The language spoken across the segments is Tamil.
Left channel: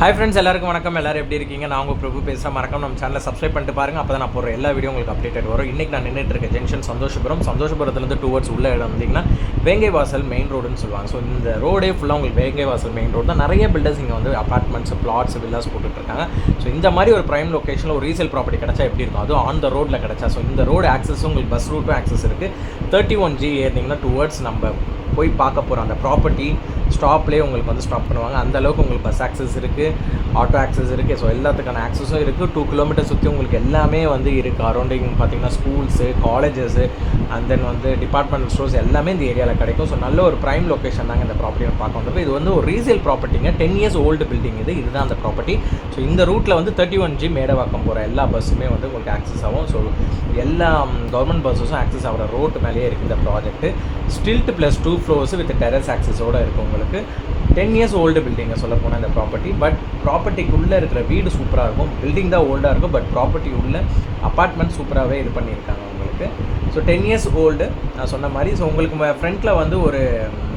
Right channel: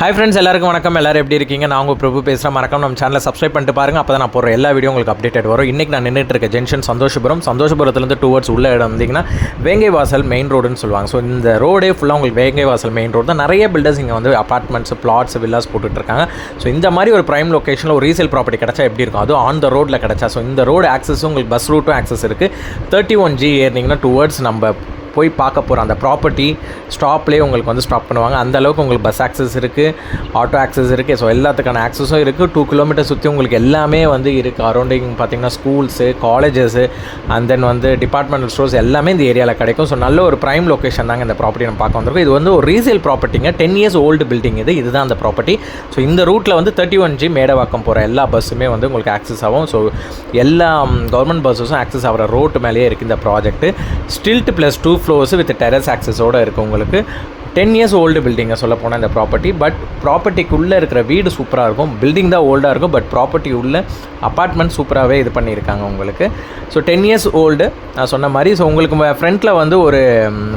ஹாய் ஃப்ரெண்ட்ஸ், எல்லாருக்கும் வணக்கம். எல்லோரும் எப்படி இருக்கீங்க? நான் உங்கள் பிரபு பேசுகிறேன். மறக்காம நம்ம சேனலை சப்ஸ்கிரைப் பண்ணிட்டு பாருங்கள். அப்போ தான் நான் போடுற எல்லா வீடியோ உங்களுக்கு அப்டேட் வரும். இன்றைக்கி நான் நின்றுட்டு இருக்க ஜங்ஷன் சந்தோஷபுரத்துலேருந்து டூவர்ட்ஸ் உள்ள இடம் வந்தீங்கன்னா வேங்கை வாசல் மெயின் ரோடுன்னு சொல்லுவாங்க. ஸோ இந்த ரோடே ஃபுல்லாக உங்களுக்கு வேங்கை வாசல் மெயின் ரோடு தான். நிறைய பில்டர்ஸ் இங்கே வந்து அப்பார்ட்மெண்ட்ஸ், பிளாட்ஸ், வில்லாஸ் போட்டுட்ருக்காங்க. ஸோ இந்த மாதிரி ஒரு ப்ரைம் லொக்கேஷனில் ஒரு ரீசேல் ப்ராப்பர்ட்டி கிடச்சா எப்படி இருக்கும்? அதுவும் ஆன் த ரோட்டில் கிடச்சா. ஸோ இந்த ரோடு ஆக்சஸும் உங்களுக்கு பஸ் ரூட்டும் ஆக்சஸ் இருக்குது. 31G ஏறினீங்கன்னா டுவர்ட்ஸ் நம்ம போய் பார்க்க போகிற அந்த ப்ராப்பர்ட்டி ஸ்டாப்லேயே உங்களுக்கு வந்து ஸ்டாப் பண்ணுவாங்க. அந்தளவுக்கு உங்களுக்கு பஸ் ஆக்சஸ் இருக்குது, ஆட்டோ ஆக்சஸ் இருக்குது. ஸோ எல்லாத்துக்கான ஆக்சஸும் இருக்குது. 2 கிலோமீட்டர் சுற்றி உங்களுக்கு எல்லாமே வந்து இருக்குது. அரௌண்டிங் பார்த்திங்கன்னா ஸ்கூல்ஸு, காலேஜஸ்ஸு அண்ட் தென் வந்து டிபார்ட்மெண்டல் ஸ்டோர்ஸ் எல்லாமே இந்த ஏரியாவில் கிடைக்கும். ஸோ நல்ல ஒரு ப்ரைம் லொக்கேஷன் தாங்க இந்த ப்ராப்பர்ட்டி நம்ம பார்க்க வந்திருக்கோம். இது வந்து ஒரு ரீசேல் ப்ராப்பர்ட்டிங்க. 10 years ஓல்டு பில்டிங் இதுதான் அந்த ப்ராப்பர்ட்டி. ஸோ இந்த ரூட்டில் வந்து 31G மேடவாக்கம் போகிற எல்லா பஸ்ஸுமே வந்து உங்களுக்கு ஆக்சஸ் ஆகும். ஸோ எல்லா கவர்மெண்ட் பஸ்ஸஸும் ஆக்சஸ் ஆகிற ரோட்டு மேலேயே இருக்குது இந்த project. Stilt plus 2 floors with terrace ஆக்சஸோடு இருக்குது உங்களுக்கு. 10 years ஓல்டு பில்டிங்கை சொல்ல போனால் இந்த ப்ராப்பர்ட்டி. பட் ப்ராப்பர்ட்டிக்குள்ளே இருக்கிற வீடு சூப்பராக இருக்கும். பில்டிங் தான் ஓல்டாக இருக்கும், பட் ப்ராப்பர்ட்டி உள்ள அப்பார்ட்மெண்ட் சூப்பராகவே இது பண்ணியிருக்காங்க உங்களுக்கு. ஸோ 10 years ஓல்டு நான் சொன்ன மாதிரி. ஸோ உங்களுக்கு ஃப்ரண்ட்டில் வந்து ஒரு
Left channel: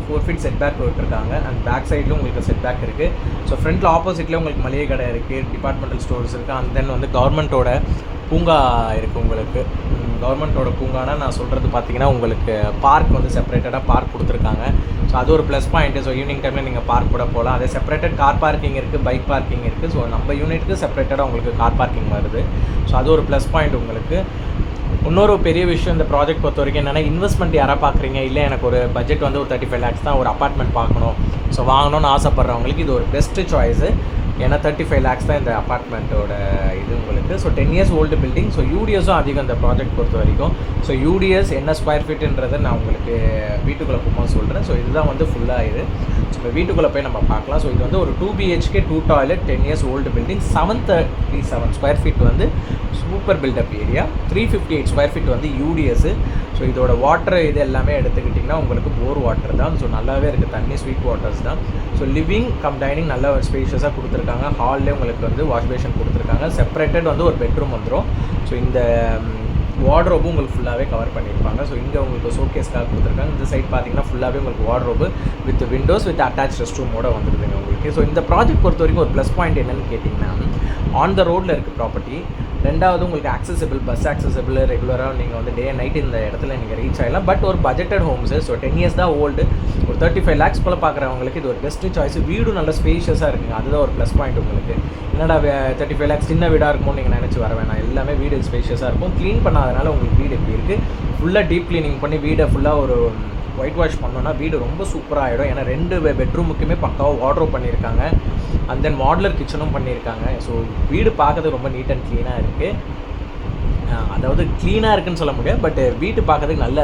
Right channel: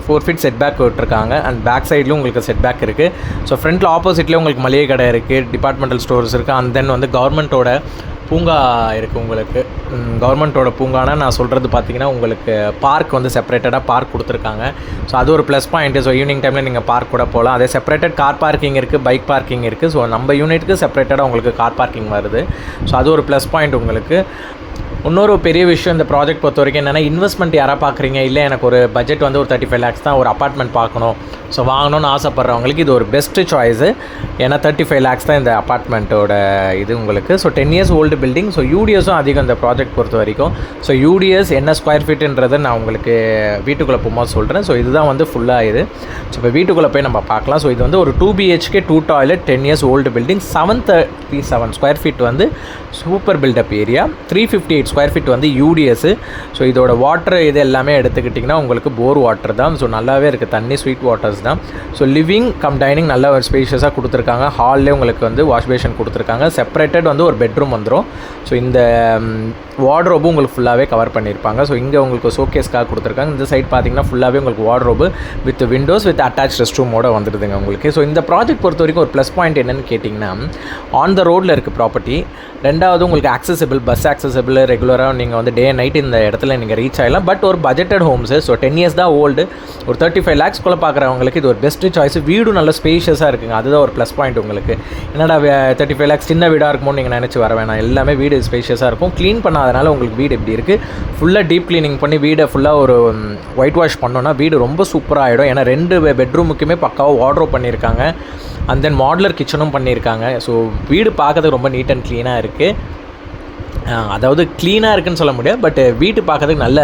4 feet செட் பேக் விட்டுருக்காங்க. அண்ட் பேக் சைட்லையும் உங்களுக்கு செட் பேக் இருக்குது. ஸோ ஃப்ரண்ட்டில் ஆப்போசிட்லேயே உங்களுக்கு மளிகை கடை இருக்குது, டிபார்ட்மெண்டல் ஸ்டோர்ஸ் இருக்குது. அண்ட் தென் வந்து கவர்மெண்ட்டோட பூங்கா இருக்குது உங்களுக்கு. கவர்மெண்ட்டோட பூங்கானா நான் சொல்கிறது பார்த்தீங்கன்னா உங்களுக்கு பார்க் வந்து செப்பரேட்டடாக பார்க் கொடுத்துருக்காங்க. ஸோ அது ஒரு ப்ளஸ் பாயிண்ட்டு. ஸோ ஈவினிங் டைமில் நீங்கள் பார்க் கூட போகலாம். அதே செப்பரேட்டட் கார் பார்க்கிங் இருக்குது, பைக் பார்க்கிங் இருக்குது. ஸோ நம்ம யூனிட்டுக்கு செப்பரேட்டடாக உங்களுக்கு கார் பார்க்கிங் வருது. ஸோ அது ஒரு ப்ளஸ் பாயிண்ட் உங்களுக்கு. இன்னொரு பெரிய விஷயம் இந்த ப்ராஜெக்ட் பொறுத்த வரைக்கும் என்னென்னா, இன்வெஸ்ட்மெண்ட் யாராக பார்க்குறீங்க, இல்லை எனக்கு ஒரு பட்ஜெட் வந்து ஒரு 35 lakhs தான் ஒரு அப்பார்ட்மெண்ட் பார்க்கணும், ஸோ வாங்கணும்னு ஆசைப்பட்றவங்களுக்கு இது ஒரு பெஸ்ட்டு சாய்ஸு. ஏன்னா 35 lakhs தான் இந்த அப்பார்ட்மெண்ட்டோட இது உங்களுக்கு. So 10 years old building. So யூடிஎஸும் அதிகம் இந்த ப்ராஜெக்ட் பொறுத்த வரைக்கும். ஸோ யூடிஎஸ் என்ன ஸ்கொயர் ஃபீட்டுன்றதை நான் உங்களுக்கு வீட்டுக்குள்ளே போகும்போது சொல்கிறேன். ஸோ இதுதான் வந்து ஃபுல்லாக இது. ஸோ இப்போ வீட்டுக்குள்ளே போய் நம்ம பார்க்கலாம். ஸோ இது வந்து ஒரு 2 BHK 2 toilet 10 years old building. 737 square feet வந்து super built up area. 358 square feet வந்து யூடிஎஸ். ஸோ இதோட வாட்டர் இது எல்லாமே எடுத்துக்கிட்டிங்கன்னா உங்களுக்கு போர் வாட்டர் தான். ஸோ நல்லாவே இருக்குது, தண்ணி ஸ்வீட் வாட்டர்ஸ் தான். ஸோ லிவிங் கம் டைனிங் நல்ல ஒரு ஸ்பேஷியஸாக கொடுத்துருக்காங்க. ஹால்லே உங்களுக்கு வந்து வாஷ் பேஷன் கொடுத்துருக்காங்க. செப்பரேட்டட் வந்து ஒரு பெட்ரூம் வந்துடும். ஸோ இந்த வார்ட்ரோபும் உங்களுக்கு ஃபுல்லாகவே கவர் பண்ணியிருப்பாங்க. ஸோ இங்கே உங்களுக்கு ஷோகேஸ்க்காக கொடுத்துருக்காங்க. இந்த சைட் பார்த்தீங்கன்னா ஃபுல்லாகவே உங்களுக்கு wardrobe with windows with attach rest ரூமோட வந்துடுதுங்க உங்களுக்கு. ஸோ இந்த ப்ராஜெக்ட் பொறுத்த வரைக்கும் ஒரு ப்ளஸ் பாயிண்ட் என்னென்னு கேட்டிங்கன்னா, ஆன் த ரோடில் இருக்குது ப்ராப்பர்ட்டி. ரெண்டாவது உங்களுக்கு ஆக்சசபிள், பஸ் ஆக்சசபிள், ரெகுலராக நீங்கள் வந்து டே நைட் இந்த இடத்துல நீங்கள் ரீச் ஆகலாம். பட் ஒரு பட்ஜெட்டட் ஹோம்ஸு. ஸோ 10 years தான் ஓல்டு. ஒரு 35 lakhs பார்க்குறவங்களுக்கு இது ஒரு பெஸ்ட்டு சாய்ஸ். வீடும் நல்ல ஸ்பேஷியஸாக இருக்குங்க. அதுதான் ஒரு ப்ளஸ் பாயிண்ட் உங்களுக்கு. என்னடா 35 lakhs சின்ன வீடாக இருக்குமோ நீங்கள் நினச்சி வர வேணாம். எல்லாமே வீடு ஸ்பேஷியஸாக இருக்கும். க்ளீன் பண்ணாதனால உங்களுக்கு வீடு எப்படி இருக்குது, ஃபுல்லாக டீப் க்ளீனிங் பண்ணி வீடை ஃபுல்லாக ஒரு ஒயிட் வாஷ் பண்ணோன்னா வீடு ரொம்ப சூப்பராக ஆகிடும். ஏன்னா 2 பெட்ரூமுக்குமே பக்காவாக வார்ட்ரோப் பண்ணியிருக்காங்க. அண்ட் தென் மாடுலர் கிச்சனும் பண்ணியிருக்காங்க. ஸோ வீடு பார்க்கறதுக்கு ரொம்ப நீட் அண்ட் க்ளீனாக இருக்குது. அதாவது க்ளீனாக இருக்குதுன்னு சொல்ல முடியாது, பட் வீட்டு பார்க்கறதுக்கு நல்ல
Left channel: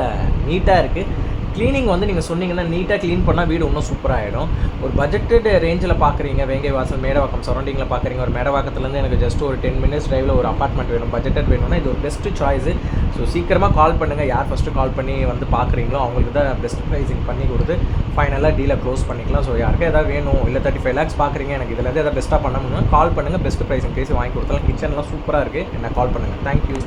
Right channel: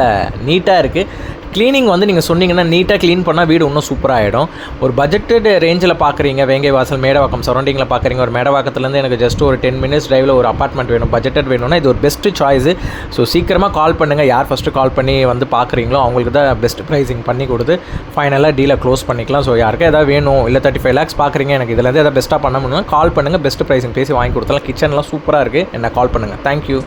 நீட்டாக இருக்குது. க்ளீனிங் வந்து நீங்கள் சொன்னீங்கன்னா நீட்டாக க்ளீன் பண்ணால் வீடு இன்னும் சூப்பராக ஆகிடும். ஒரு பட்ஜெட்டட் ரேஞ்சில் பார்க்குறீங்க, வேங்கை வாசல் மேடவாக்கம் சரௌண்டிங்கில் பார்க்குறீங்க, ஒரு மேடவாக்கத்துலேருந்து எனக்கு ஜஸ்ட் ஒரு 10 minutes டிரைவில் ஒரு அப்பார்ட்மெண்ட் வேணும், பட்ஜெட்டட் வேணும்னா இது ஒரு பெஸ்ட்டு சாய்ஸு. ஸோ சீக்கிரமாக கால் பண்ணுங்கள். யார் ஃபஸ்ட்டு கால் பண்ணி வந்து பார்க்குறீங்களோ அவங்களுக்கு தான் பெஸ்ட் ப்ரைஸிங் பண்ணி கொடுத்து ஃபைனலாக டீலை க்ளோஸ் பண்ணிக்கலாம். ஸோ யாருக்கும் எதாவது வேணும், இல்லை 35 lakhs பார்க்குறீங்க, எனக்கு இதில் எதாவது பெஸ்ட்டாக பண்ண முடியும்னா கால் பண்ணுங்கள். பெஸ்ட் ப்ரைஸிங் பேசி வாங்கி கொடுத்தாலும். கிச்சன்லாம் சூப்பராக இருக்குது. என்ன கால் பண்ணுங்கள். தேங்க்யூ.